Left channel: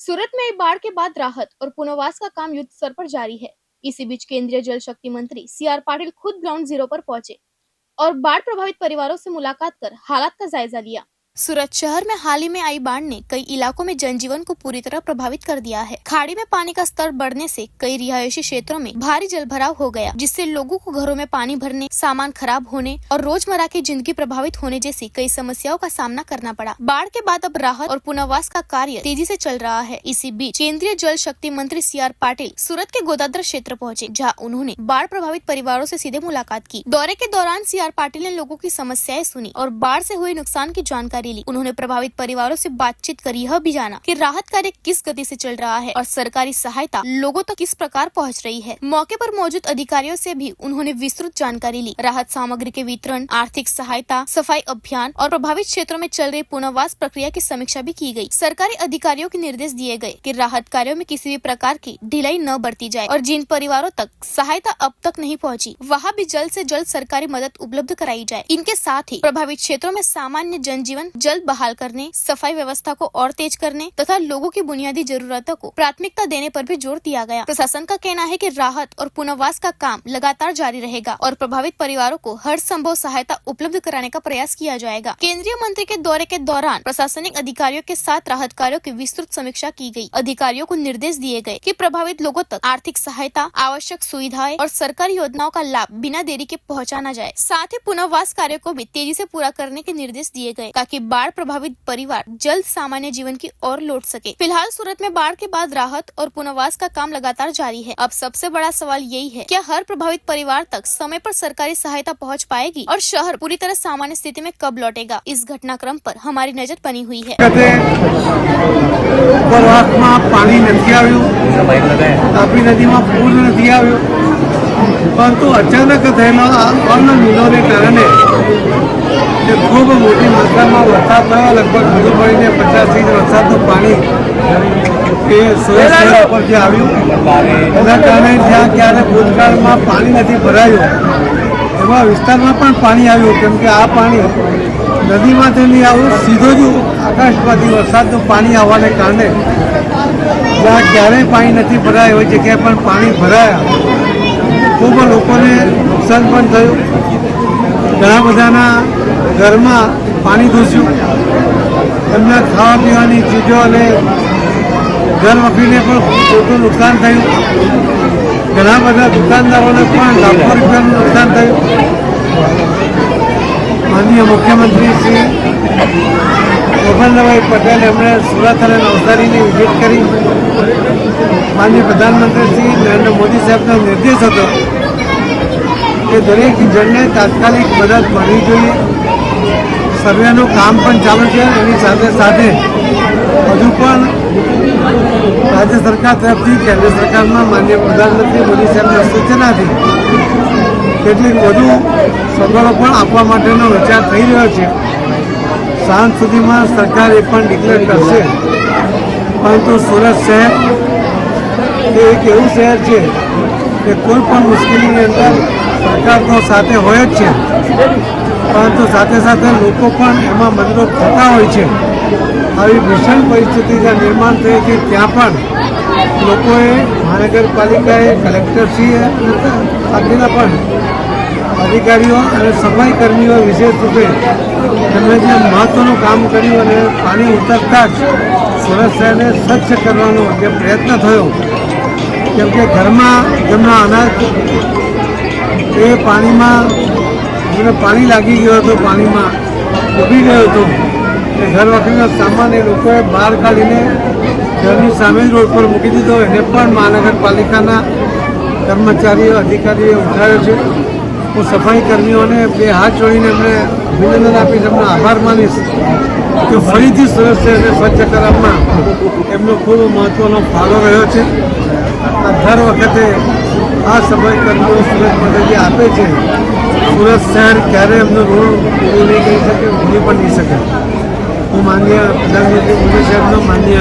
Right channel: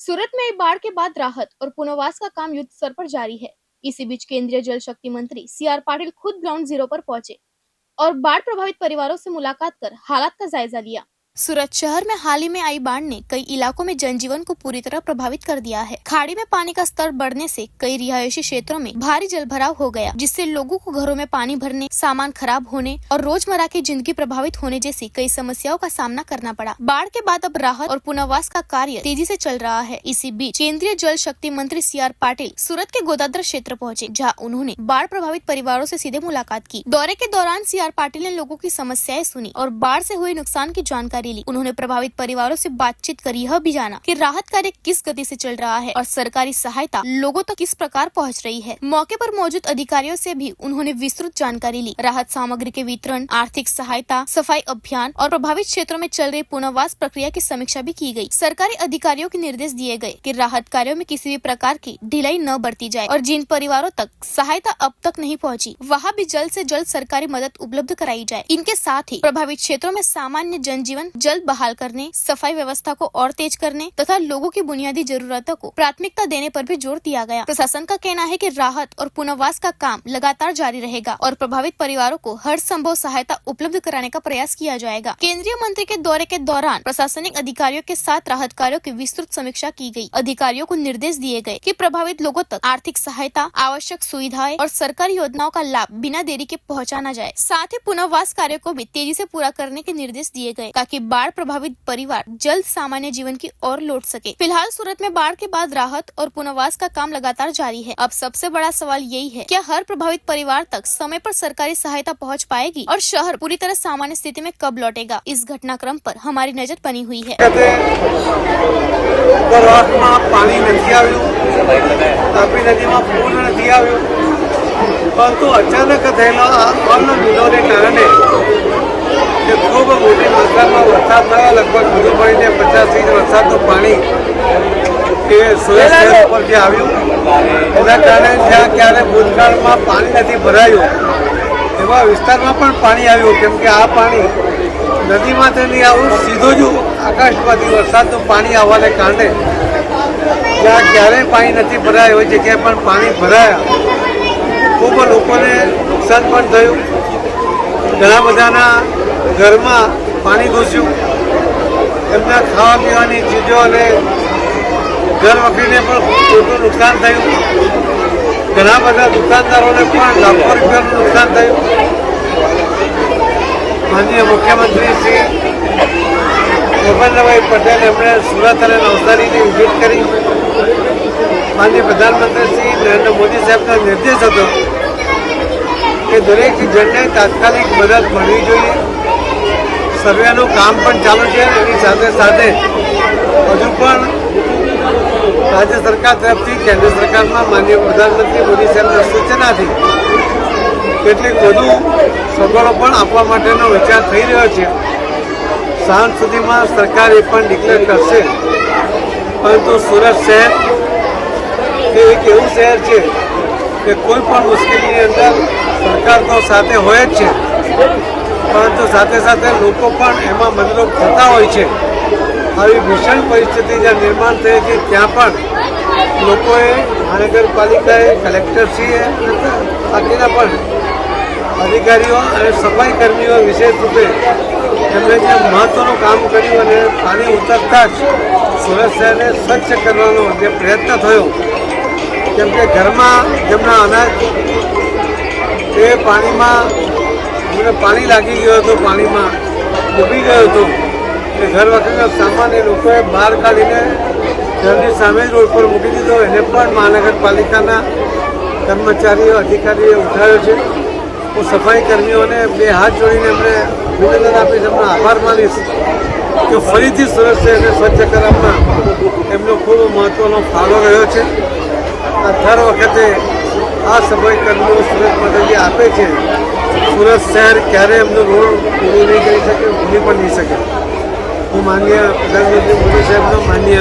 सूरत में बाढ़ के बाद राहत और पुनर्वास का काम युद्ध स्तर पर जारी है। इसी बीच केंद्रीय जल शक्ति मंत्री सीआर पाटिल खुद ग्राउंड जीरो पर पहुंचे और बाढ़ प्रभावित परिवारों से मुलाकात कर हालात का जायजा लिया। सूरत शहर में हाल ही में आई बाढ़ ने कई इलाकों में जनजीवन को पूरी तरह प्रभावित कर दिया है। खाड़ी में पानी का स्तर बढ़ने से कई रिहायशी क्षेत्रों में भारी जलभराव हो गया, जिससे लोगों को घरों में पानी भरने, सामान खराब होने और रोजमर्रा की जिंदगी प्रभावित होने जैसी कई समस्याओं का सामना करना पड़ा। बाढ़ के बाद अब राहत और पुनर्वास का कार्य तेजी से चल रहा है। इसी बीच केंद्रीय जल शक्ति मंत्री सीआर पाटिल सूरत के गोदादर क्षेत्र पहुँचे, जहाँ उन्होंने बाढ़ प्रभावित परिवारों से सीधे मुलाकात की। दौरे के दौरान सीआर पाटिल ने लोगों की समस्याएं सुनी और बाढ़ से हुए नुकसान की जानकारी ली। उन्होंने प्रभावित परिवारों से बातचीत कर यह भी जाना कि राहत कार्य किस गति से चल रहा है और सरकारी सहायता लोगों तक किस प्रकार पहुंच रही है। मौके पर मौजूद अधिकारियों से भी उन्होंने विस्तृत जानकारी ली। राहत सामग्री के वितरण, आर्थिक सहायता, सफाई अभियान और प्रभावित क्षेत्रों में चल रही पुनर्वास प्रक्रिया की समीक्षा भी की गई। सरकारी अधिकारियों को निर्देश दिए गए कि राहत कार्यों में किसी भी प्रकार की ढिलाई न बरती जाए और जिन परिवारों तक सहायता अब तक नहीं पहुँची, वहाँ भी जल्द से जल्द सरकारी मदद उपलब्ध कराई जाए। इनके साथ ही प्रभावित क्षेत्रों में सामान्य जनजीवन जल्द बहाल करने, सफाई व्यवस्था को और तेज करने तथा लोगों की बुनियादी जरूरतों को प्राथमिकता देने पर भी जोर दिया गया। प्रशासन का कहना है कि राहत और पुनर्वास का काम लगातार जारी रहेगा और प्रभावित परिवारों को हर संभव सहायता उपलब्ध कराने का प्रयास किया जाएगा। केंद्रीय मंत्री के दौरे के दौरान प्रशासनिक अधिकारियों के साथ राहत कार्यों की विस्तृत समीक्षा की गई। अधिकारियों को निर्देश दिए गए कि प्रभावित लोगों तक आर्थिक सहायता, आवश्यक सुविधाएं और सरकारी योजनाओं का लाभ बिना देरी के पहुँचाना जाए। साथ ही पुनर्वास कार्य को भी तेजी से पूरा करने के निर्देश दिए गए ताकि बाढ़ प्रभावित परिवार जल्द सामान्य जीवन की ओर लौट सके। फिलहाल सूरत में बाढ़ के बाद राहत और पुनर्वास का काम लगातार जारी है। अब सबसे बड़ा सवाल यही है, क्या हर प्रभावित परिवार तक समय पर सरकारी सहायता पहुंच पाएगी और शहर पूरी तरह सामान्य स्थिति में कब लौटेगा? इस घटनाक्रम पर हमारी नजर बनी हुई है। अचानक खूब मोटी मात्रा में वरसाद थयो। लगभग બધું મળીને 50-20 વરસાદનું પાણી એ સુરત શહેર ઉપરથી આવ્યું। એના કારણે જ્યાં ક્યારે ભૂતકાળમાં પાણી નથી ભરાયું એવા વિસ્તારમાં પણ પાણી આવ્યું, કેમ કે આ પાણી નદીમાંથી નહીં આવ્યું, સીધો જ આકાશમાંથી વરસાદનું પાણી આવવાને કારણે જ્યાં ક્યારેય પાણી નથી ભરાય એવી જગ્યાએ પણ પાણી ભરાયા। ખૂબ લોકોને નુકસાન પણ થયું। ઘણા બધાના ઘરમાં પાણી ઘૂસ્યું, એમને ખાવા પીવાની ચીજો અને ઘર વખરીને પણ મોટું નુકસાન થયું। ઘણા બધા દુકાનદારોને પણ લાખો રૂપિયાનું નુકસાન થયું। માનનીય મુખ્યમંત્રી શ્રી ભૂપેન્દ્રભાઈ પટેલ એમણે સુરત અને નવસારીની વિઝિટ કરી। માનનીય પ્રધાનમંત્રી શ્રી નરેન્દ્ર મોદી સાહેબનો નિર્દેશ હતો કે દરેક જણને તાત્કાલિક મદદ મળવી જોઈએ। સર્વેનું કામ પણ ચાલુ છે। એની સાથે સાથે હજુ પણ રાજ્ય સરકાર તરફથી કેન્દ્ર સરકારના માનનીય પ્રધાનમંત્રી મોદી સાહેબના સૂચનાથી કેટલીક વધુ સગવડો પણ આપવા માટેનો વિચાર થઈ રહ્યો છે। સાંજ સુધીમાં સરકાર એ પણ ડિક્લેર કરશે। પરંતુ સુરત શહેર એ એક એવું શહેર છે કે કોઈ પણ મુશ્કેલીની અંદર સરકાર તો સાથે હોય જ છે, પરંતુ સાથે સાથે લોકો પણ એમાં મદદરૂપ થતા હોય છે। આવી ભીષણ પરિસ્થિતિ જ્યાં નિર્માણ થઈ હતી ત્યાં પણ લોકોએ, નગરપાલિકાએ, કલેક્ટરશ્રીએ, બાકીના પણ અધિકારીઓ અને સફાઈ કર્મીઓ વિશેષ રૂપે એમણે જે મહત્વનું કામ કર્યું અને પાણી ઉતરતા જ સુરત શહેરને સ્વચ્છ કરવાનો જે પ્રયત્ન થયો, કેમ કે ઘરમાં જેમનો અનાજ એ પાણીમાં એમને પાણી લાગી ગયો હતો, પાણીમાં ડૂબી ગયો હતો। ઘર વખરીનો સામાન એ લોકોએ બહાર કાઢીને ઘરની સામે રોડ પર મૂકી દીધો। એને પણ મહાનગરપાલિકાના કર્મચારીઓ, અધિકારીએ ઉઠાવ્યો છે। હું સફાઈ કર્મીઓને બે હાથ જોડીને એમને અભિનંદન આપીને એમનો આભાર માનીશ તો ફરીથી સુરત શહેરને સ્વચ્છ કરવામાં એમનો ખૂબ મહત્વનો ફાળો રહ્યો છે। દર વખતે આ સફાઈ કર્મીઓ સુરત પદ્ધતિ આપે છે। સુરત શહેર ક્યારે એમનો રોડ પૂરો નહીં કરી શકે, ભૂલી પણ નહીં શકે। તો માન્ય પ્રધાનમંત્રી મોદી સાહેબનો, માન્ય